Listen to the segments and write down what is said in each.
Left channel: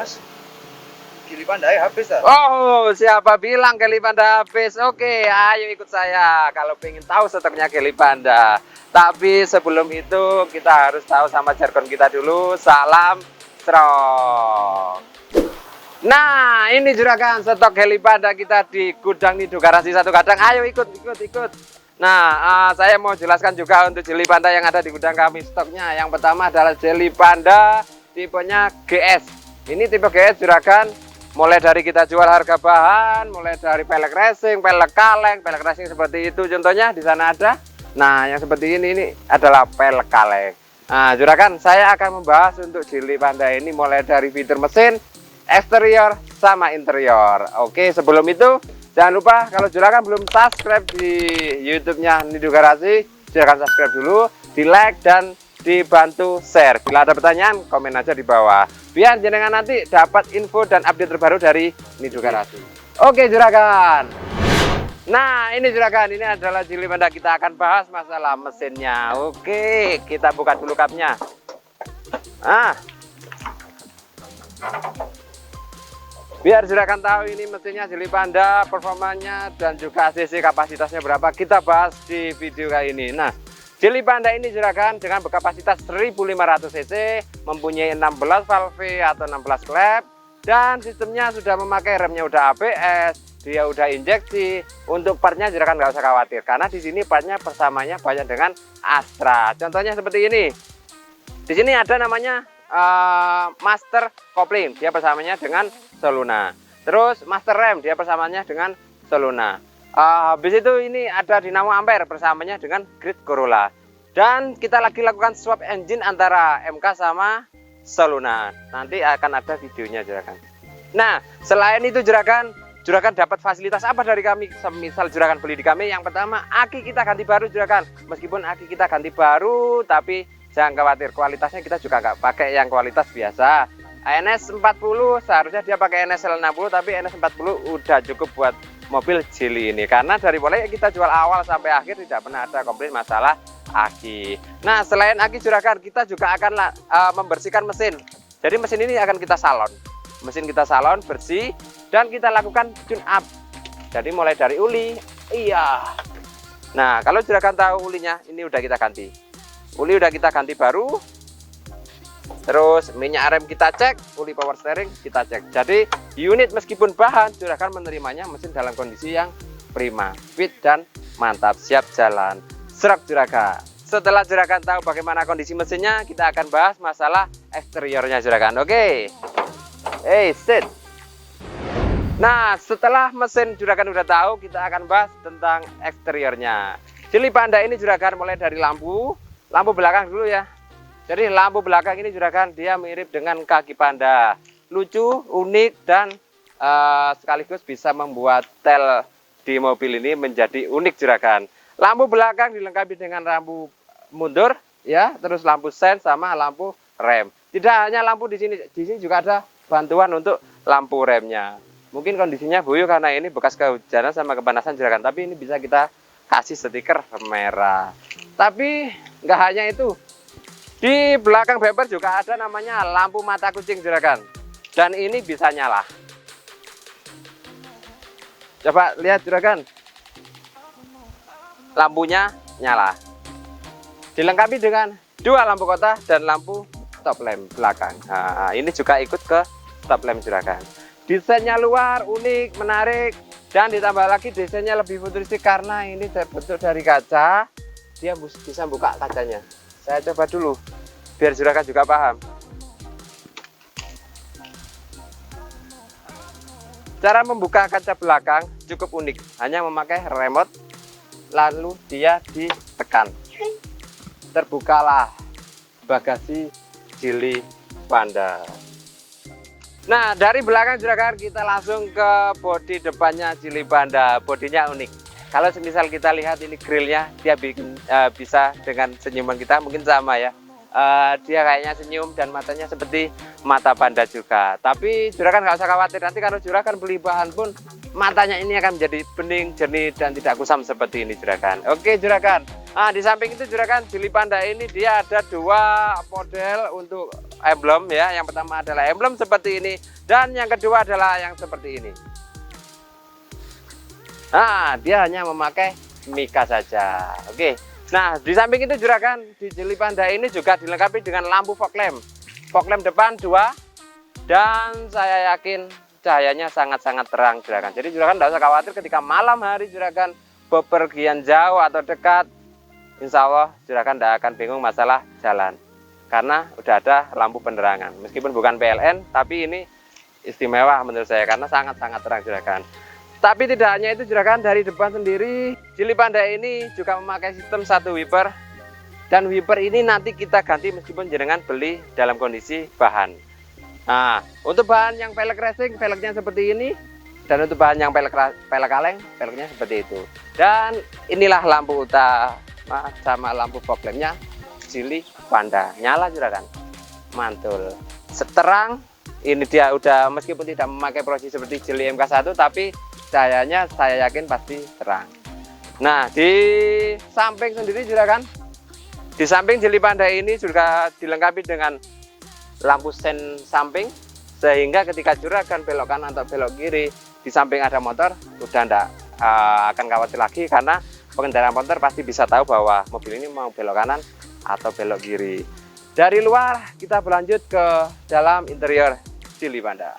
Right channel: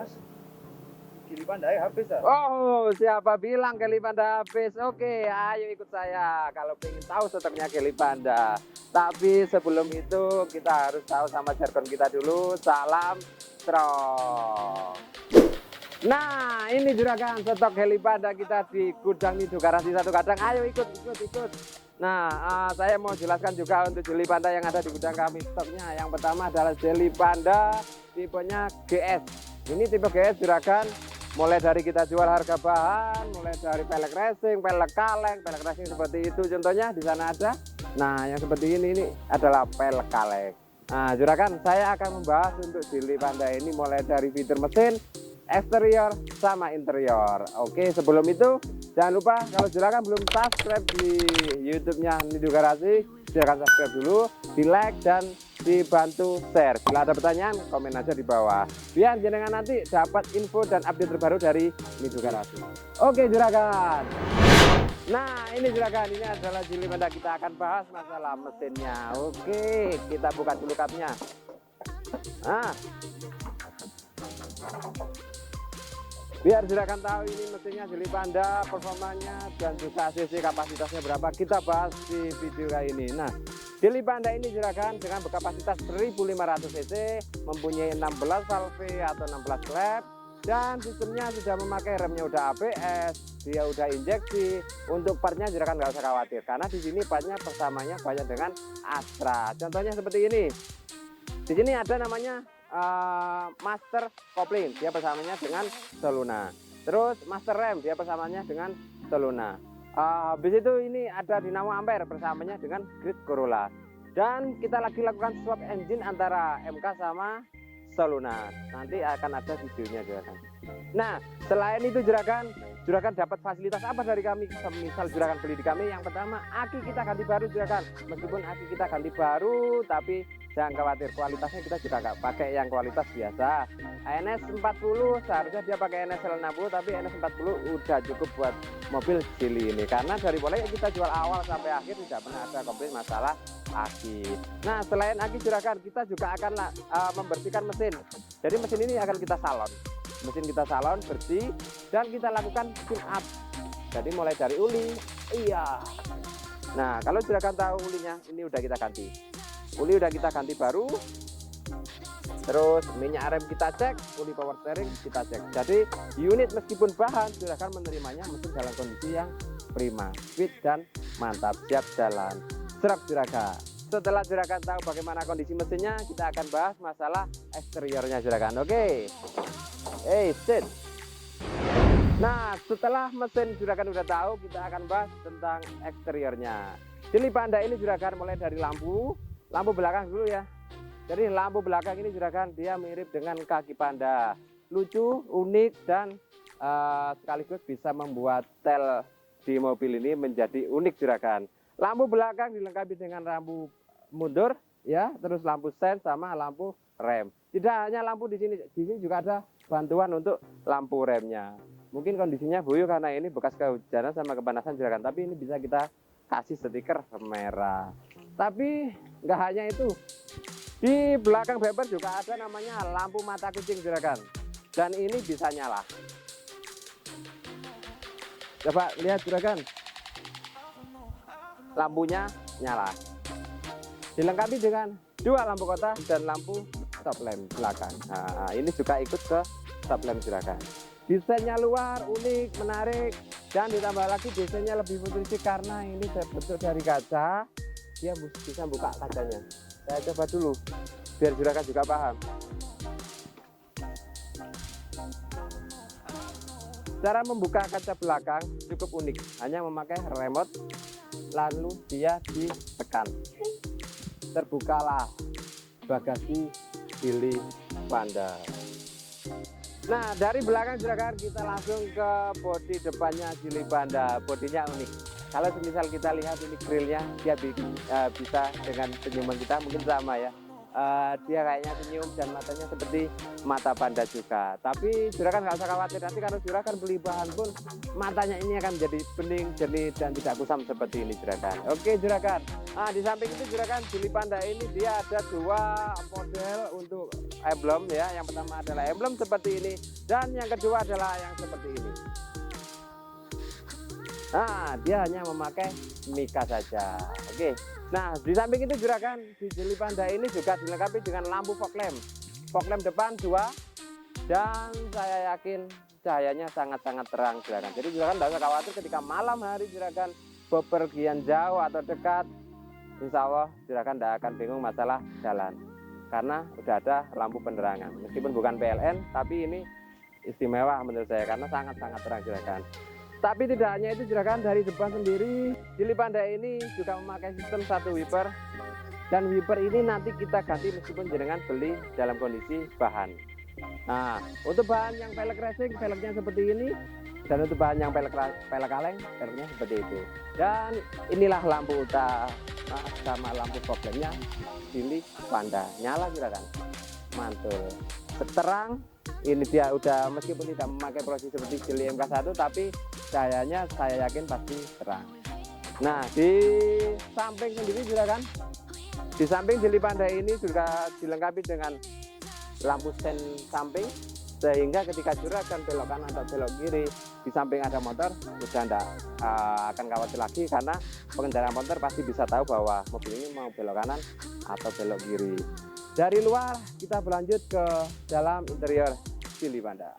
Mas, Gili Pandai habis tak? Oh, siapa bilang Gili Panda habis? Oke, ayo ikut saya kalau pengen tahu stoknya Gili Panda. Tapi sebelum itu kita harus tahu sama jargon kita dulu. Salam strong. Nah, ini juragan stok Gili Panda kita di gudang Nido Garasi 1 Kadang. Ayo ikut. Nah, saya mau jelaskan juga untuk Gili Panda yang ada di gudang kami stoknya. Yang pertama adalah Gili Panda tipenya GS. Ini tipe GS juragan. Mulai dari kita jual harga bahan, mulai dari pelek racing, pelek kaleng, pelek racing seperti itu contohnya di sana ada. Nah, yang seperti ini adalah pelek kaleng. Nah, juragan, saya akan membahas untuk Gili Panda ini mulai dari fitur mesin, eksterior, sama interior. Oke, sebelum itu jangan lupa kalau juragan belum subscribe di YouTube-nya Nido Garasi, silahkan subscribe dulu, di like dan dibantu share. Bila ada pertanyaan, komen aja di bawah. Biar jenengan nanti dapat info dan update terbaru dari Nido Garasi. Oke juragan. Nah ini juragan, ini adalah Gili Panda. Kita akan bahas masalah mesinnya. Oke, kita buka dulu kapnya. Nah, biar juragan tahu ini mesinnya Gili Panda, performanya dan juga cc kapasitasnya berapa, kita bahas di video kali ini. Nah, Gili Panda ini juragan dengan berkapasitas 1500 cc, mempunyai 16 valve atau 16 klep, dan sistemnya sudah memakai remnya udah ABS, dia udah injeksi. Untuk partnya juragan nggak usah khawatir, karena di sini partnya persamanya banyak dengan Astra. Contohnya seperti ini. Di sini ada namanya master kopling, dia persamanya dengan Soluna. Terus master rem, dia persamanya dengan Soluna. Habis itu ini ada dinamo ampere persamanya dengan grid Corolla. Dan kita lagi lakukan swap engine antara MK sama Soluna. Nanti akan ada videonya juragan. Nah, selain itu juragan dapat fasilitas apa dari kami? Misal juragan beli di kami, yang pertama aki kita ganti baru juragan. Meskipun aki kita ganti baru, tapi jangan khawatir, kualitasnya kita juga nggak pakai yang kualitas biasa. NS40 seharusnya dia pakai NSL60, tapi NS40 udah cukup buat mobil Gili ini, karena dari mulai kita jual awal sampai akhir tidak pernah ada komplain masalah aki. Nah, selain aki juragan, kita juga akan membersihkan mesin. Jadi mesin ini akan kita salon. Mesin kita salon bersih dan kita lakukan tune up. Jadi mulai dari uli, iya. Nah, kalau juragan tahu ulinya, ini udah kita ganti. Uli udah kita ganti baru. Terus minyak rem kita cek, uli power steering kita cek. Jadi unit meskipun bahan, juragan menerimanya mesin dalam kondisi yang prima, fit dan mantap, siap jalan. Serak juragan. Setelah juragan tahu bagaimana kondisi mesinnya, kita akan bahas masalah eksteriornya juragan. Oke. Sit. Nah, setelah mesin juragan udah tahu, kita akan bahas tentang eksteriornya. Gili Panda ini juragan mulai dari lampu belakang dulu ya. Jadi lampu belakang ini juragan dia mirip dengan kaki panda, lucu, unik, dan sekaligus bisa membuat tel di mobil ini menjadi unik juragan. Lampu belakang dilengkapi dengan lampu mundur, ya, terus lampu sen sama lampu rem. Tidak hanya lampu di sini juga ada bantuan untuk lampu remnya. Mungkin kondisinya buyuk karena ini bekas kehujanan sama kepanasan juragan, tapi ini bisa kita kasih stiker merah. Tapi nggak hanya itu. Di belakang bumper juga ada namanya lampu mata kucing juragan, dan ini bisa nyala. Coba lihat juragan, lampunya nyala. Dilengkapi dengan 2 lampu kota dan lampu stop lamp belakang. Nah, ini juga ikut ke stop lamp juragan. Desainnya luar, unik, menarik, dan ditambah lagi desainnya lebih futuristik karena ini terbentuk dari kaca. Dia bisa buka kacanya. Saya coba dulu, biar juragan juga paham. Cara membuka kaca belakang cukup unik, hanya memakai remote, lalu dia ditekan. Terbukalah bagasi Gili Panda. Nah, dari belakang juragan kita langsung ke bodi depannya Gili Panda. Bodinya unik. Kalau semisal kita lihat ini grillnya, dia bikin bisa dengan senyuman kita mungkin sama ya. Dia kayaknya senyum dan matanya seperti mata panda juga. Tapi juragan nggak usah khawatir, nanti kalau juragan beli bahan pun matanya ini akan menjadi bening, jernih dan tidak kusam seperti ini juragan. Oke juragan. Nah, di samping itu juragan, Jili Panda ini dia ada dua model untuk emblem ya. Yang pertama adalah emblem seperti ini dan yang kedua adalah yang seperti ini. Nah, dia hanya memakai mika saja. Oke. Nah, di samping itu juragan, di Jili Panda ini juga dilengkapi dengan lampu fog lamp. Fog lamp depan 2 dan saya yakin cahayanya sangat-sangat terang juragan. Jadi juragan tidak usah khawatir ketika malam hari juragan bepergian jauh atau dekat. Insya Allah juragan tidak akan bingung masalah jalan. Karena udah ada lampu penerangan. Meskipun bukan PLN, tapi ini istimewa menurut saya karena sangat-sangat terang juragan. Tapi tidak hanya itu juragan, dari depan sendiri Jili Panda ini juga memakai sistem 1 wiper. Dan wiper ini nanti kita ganti meskipun jenengan beli dalam kondisi bahan. Nah, untuk bahan yang pelek racing, peleknya seperti ini. Dan untuk bahan yang pelek kaleng, peleknya seperti itu. Dan inilah lampu utama sama lampu fog lampnya Jili Panda. Nyala juragan, mantul, terang. Ini dia udah meskipun tidak memakai proyeksi seperti Jili MK1, tapi cahayanya saya yakin pasti terang. Nah, di samping sendiri juragan, di samping Jili Panda ini juga dilengkapi dengan lampu sen samping, sehingga ketika juragan belok kanan atau belok kiri, di samping ada motor, udah enggak akan khawatir lagi karena pengendara motor pasti bisa tahu bahwa mobil ini mau belok kanan atau belok kiri. Dari luar kita berlanjut ke dalam interior Jili Panda.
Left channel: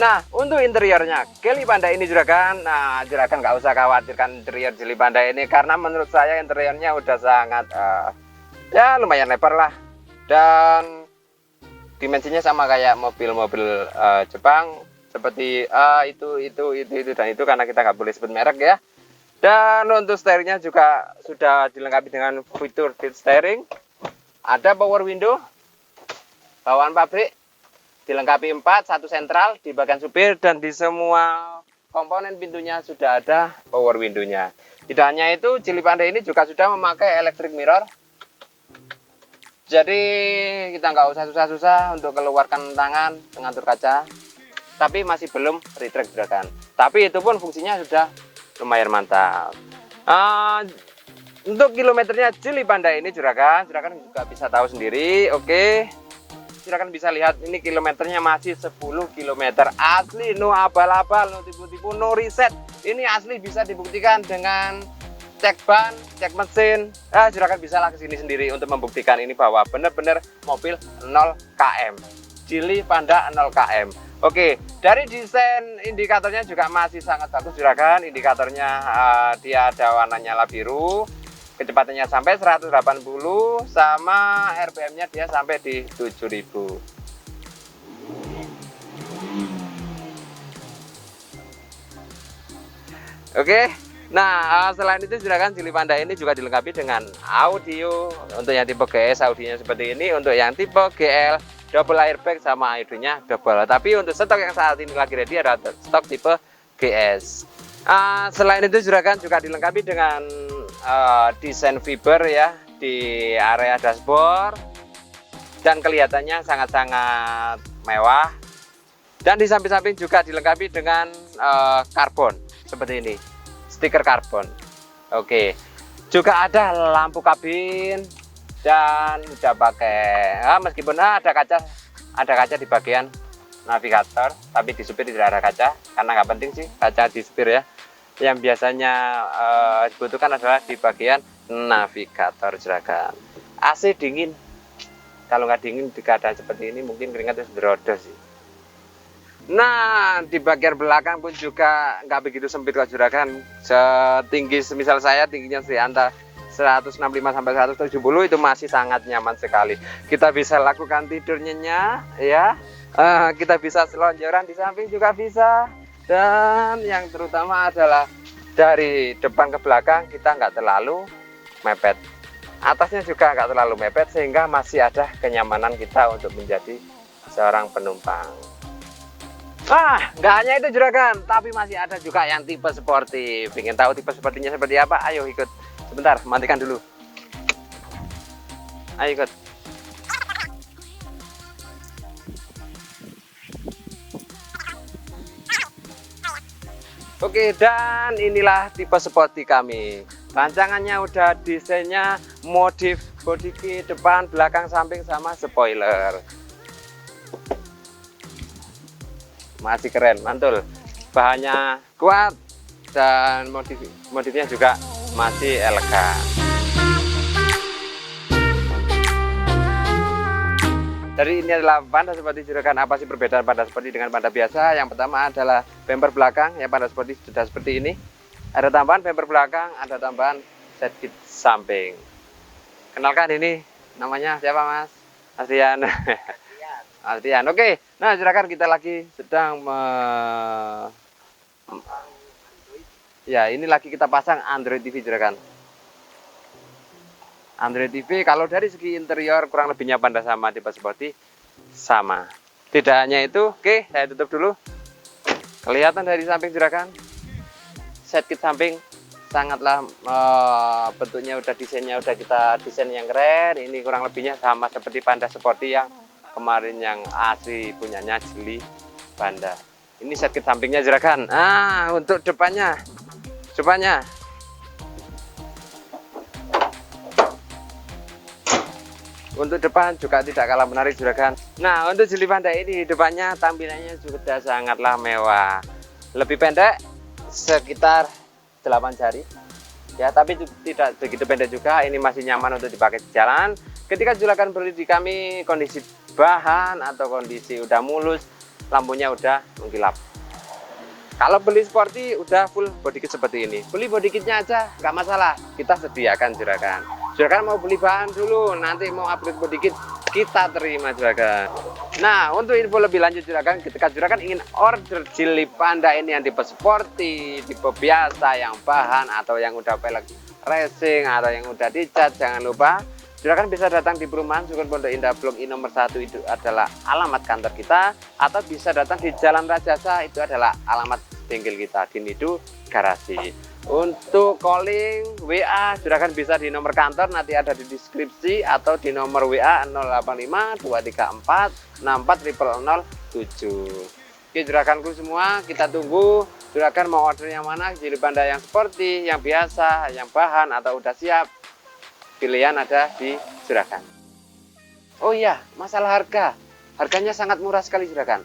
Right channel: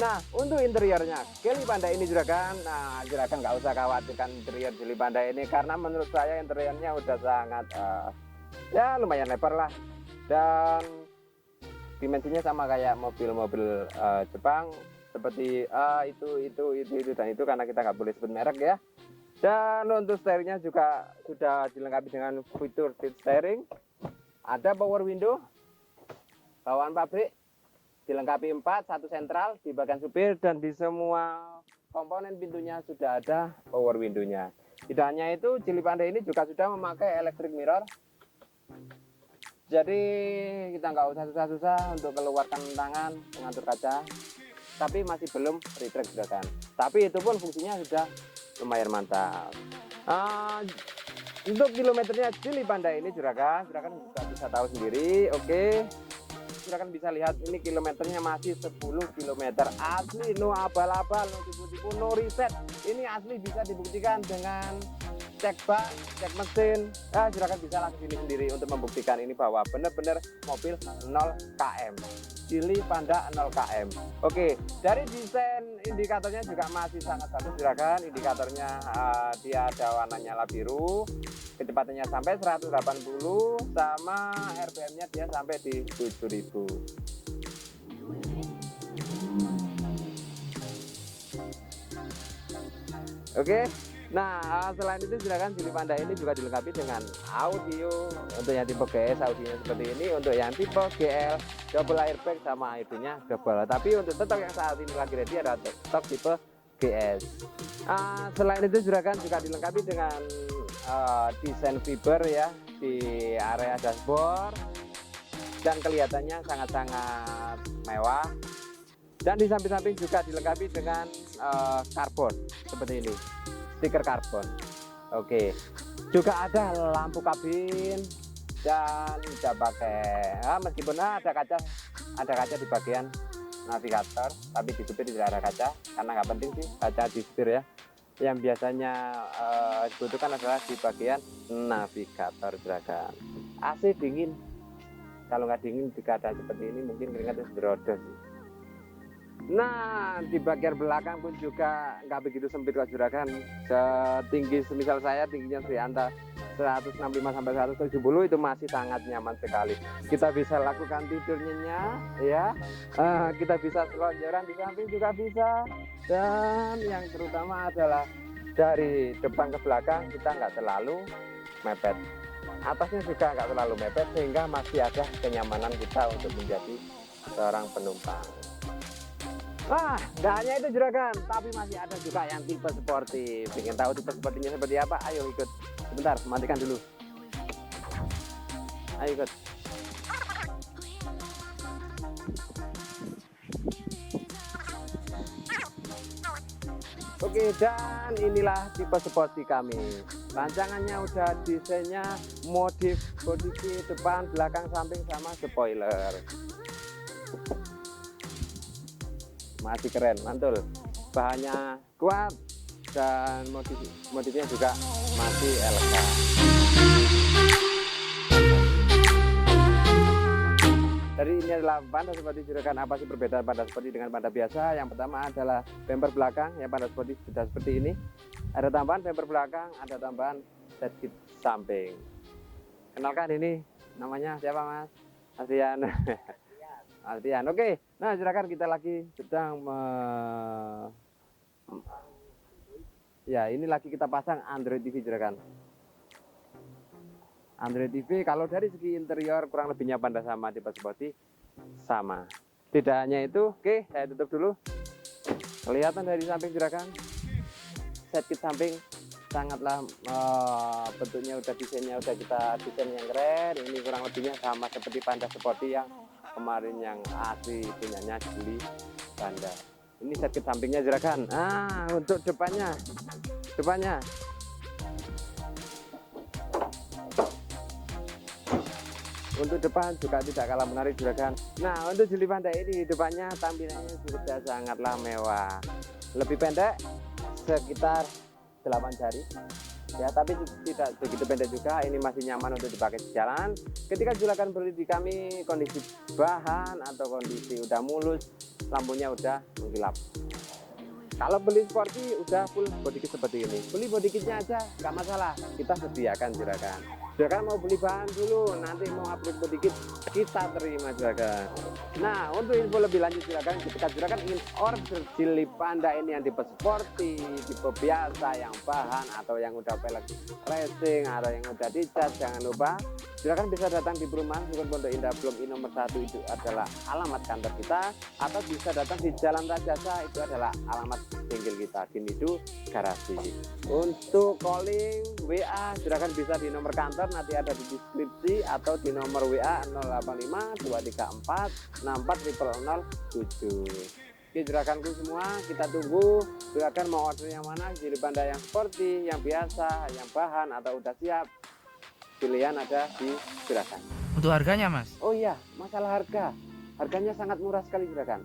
Nah, untuk interiornya Jili Panda ini juragan, nah juragan nggak usah khawatirkan interior Jili Panda ini karena menurut saya interiornya udah sangat ya lumayan lebar lah dan dimensinya sama kayak mobil-mobil Jepang seperti itu dan itu karena kita nggak boleh sebut merek ya. Dan untuk steeringnya juga sudah dilengkapi dengan fitur heat steering, ada power window, bawaan pabrik, dilengkapi 4, 1 sentral di bagian supir dan di semua komponen pintunya sudah ada power window-nya. Tidak hanya itu, Jili Panda ini juga sudah memakai electric mirror. Jadi kita nggak usah susah-susah untuk keluarkan tangan mengatur kaca. Tapi masih belum retract juragan. Tapi itu pun fungsinya sudah lumayan mantap. Untuk kilometernya Jili Panda ini juragan juga bisa tahu sendiri. Oke. Juragan bisa lihat ini kilometernya masih 10 km asli, no abal-abal, no tipu-tipu, no reset. Ini asli bisa dibuktikan dengan cek ban, cek mesin. Juragan bisa lah kesini sendiri untuk membuktikan ini bahwa benar-benar mobil 0 km. Jili Panda 0 km. Oke, dari desain indikatornya juga masih sangat bagus juragan. Indikatornya dia ada warna nyala biru. Kecepatannya sampai 180 sama RPM-nya dia sampai di 7000. Oke. Nah, selain itu juragan Jili Panda ini juga dilengkapi dengan audio. Untuk yang tipe GS audionya seperti ini, untuk yang tipe GL double airbag sama audionya double. Tapi untuk stok yang saat ini lagi ready ada stok tipe GS. Selain itu juragan juga dilengkapi dengan desain fiber ya di area dashboard dan kelihatannya sangat-sangat mewah. Dan di samping-samping juga dilengkapi dengan karbon seperti ini. Stiker karbon. Oke, juga ada lampu kabin dan udah pakai meskipun ada kaca di bagian navigator, tapi di supir tidak ada kaca karena nggak penting sih kaca di supir ya. Yang biasanya dibutuhkan adalah di bagian navigator juragan. AC dingin, kalau nggak dingin di keadaan seperti ini mungkin keringat itu berodos sih. Nah, di bagian belakang pun juga nggak begitu sempit kok juragan. Setinggi semisal saya tingginya antara 165 sampai 170 itu masih sangat nyaman sekali. Kita bisa lakukan tidur nyenyak ya. Kita bisa selonjoran di samping juga bisa. Dan yang terutama adalah dari depan ke belakang kita nggak terlalu mepet. Atasnya juga nggak terlalu mepet sehingga masih ada kenyamanan kita untuk menjadi seorang penumpang. Nggak hanya itu juragan, tapi masih ada juga yang tipe sportif. Ingin tahu tipe sportifnya seperti apa? Ayo ikut. Sebentar, matikan dulu. Ayo ikut. Oke, dan inilah tipe sporty kami. Rancangannya udah, desainnya, modif body kit depan, belakang, samping, sama spoiler. Masih keren, mantul. Bahannya kuat dan modifnya juga masih elegan. Jadi ini adalah Panda Sporty Juragan. Apa sih perbedaan Panda Sporty dengan Panda biasa? Yang pertama adalah bumper belakang. Ya, Panda Sporty sudah seperti ini. Ada tambahan bumper belakang, ada tambahan set kit samping. Kenalkan, ini namanya siapa, Mas? Adrian. Adrian. Oke. Nah, Juragan, kita lagi sedang ya, ini lagi kita pasang Android TV, Juragan. Android TV kalau dari segi interior kurang lebihnya Panda sama tipe Sporty sama. Tidak hanya itu, oke, saya tutup dulu. Kelihatan dari samping, Juragan. Set kit samping sangatlah bentuknya udah, desainnya udah kita desain yang keren. Ini kurang lebihnya sama seperti Panda Sporty yang kemarin yang asli punyanya Jeli Panda. Ini set kit sampingnya, Juragan. Ah, untuk depannya. Untuk depan juga tidak kalah menarik, Juragan. Nah, untuk Jeli Panda ini depannya tampilannya sudah sangatlah mewah. Lebih pendek sekitar 8 jari. Ya, tapi tidak begitu pendek juga. Ini masih nyaman untuk dipakai di jalan. Ketika Juragan beli di kami, kondisi bahan atau kondisi udah mulus, lampunya udah mengkilap. Kalau beli Sporty udah full body kit seperti ini. Beli body kitnya aja nggak masalah, kita sediakan, Juragan. Juragan mau beli bahan dulu, nanti mau upgrade body kit, kita terima, Juragan. Nah, untuk info lebih lanjut, Juragan, ketika Juragan ingin order Jeli Panda ini yang tipe Sporty, tipe biasa, yang bahan atau yang udah pelek racing atau yang udah dicat, jangan lupa Juragan bisa datang di perumahan Sukun Pondok Indah Blok I nomor 1, itu adalah alamat kantor kita, atau bisa datang di Jalan Rajasa, itu adalah alamat bengkel kita di Nidu Garasi. Untuk calling WA Juragan bisa di nomor kantor, nanti ada di deskripsi, atau di nomor WA 085 234 64 007. Oke, Juraganku semua, kita tunggu. Juragan mau order yang mana? Jeli Panda yang Sporty, yang biasa, yang bahan, atau udah siap? Pilihan ada di Juragan. Untuk harganya, Mas? Oh iya, masalah harga. Harganya sangat murah sekali, Juragan.